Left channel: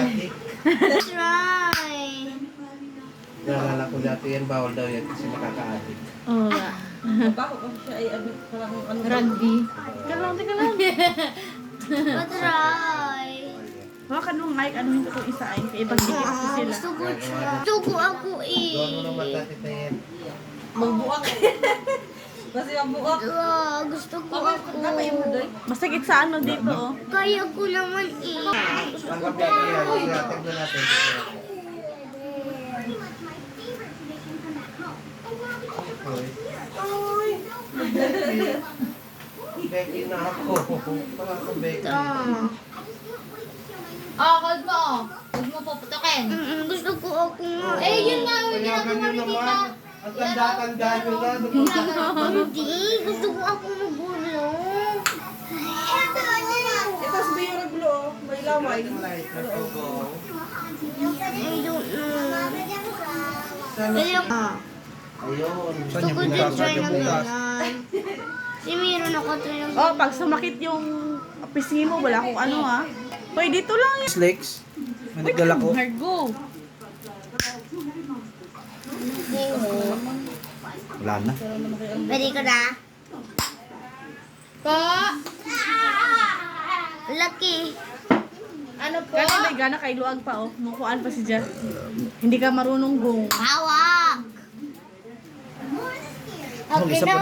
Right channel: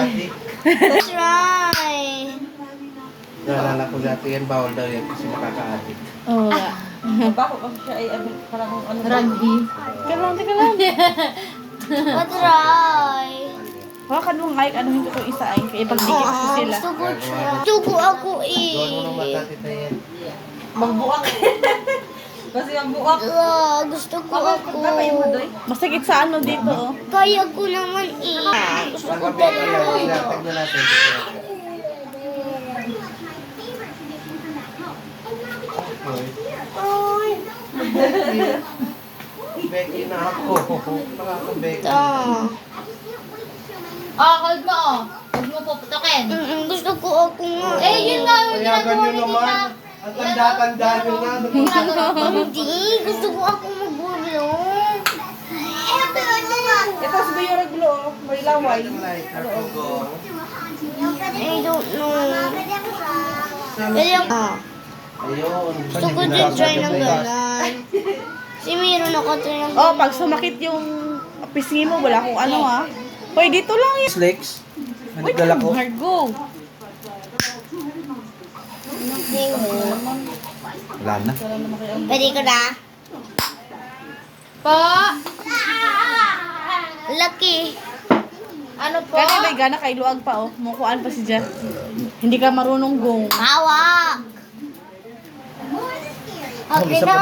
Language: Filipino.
nakaka-addict. That's right. Naalala ko dati yan, bawal daw yan kasi nakaka-addict. Oo. Bako kasi siya ay parang ano. Randy. Kalang. That's right. Wala ka nung like, anuhin ko itong isa ay. Kaya ipagdikit ko sila. Gusto ko ako Doon mo nung eh. matatitain. Magbuak. Kasi ang buak. Gusto ko Bakit ako. kayo mo doy? Masakit sa ano dito, oh. Kaya ko naman eh. Ang gabi ko yan, tignan natin. Becky na ako. Becky. Hold mo oh. Huwag mo puputokin. Gusto ko ako nga. Yun nga yung Payagan nyo naman. Ang tanda-tanda nyo na. Hindi. Gusto ko ako magulong. Ito si Bayo Raglo, may laway. Light na tugong. I don't know. Kaya Ayun. gusto ko din try ng gano'n. Si meron ako try ng Oh, pag sumakit yung pisngi mo, wala kung ano ha. Hoy, dito lang yun. Snakes. Wait, Margo. Wala na. Pwede ko na. Po. Lucky. Ano po? Kani may gana kay luag pa, oh. Mukuan pa si Jan. Hindi ka marunong gong. Hawak. Okay na.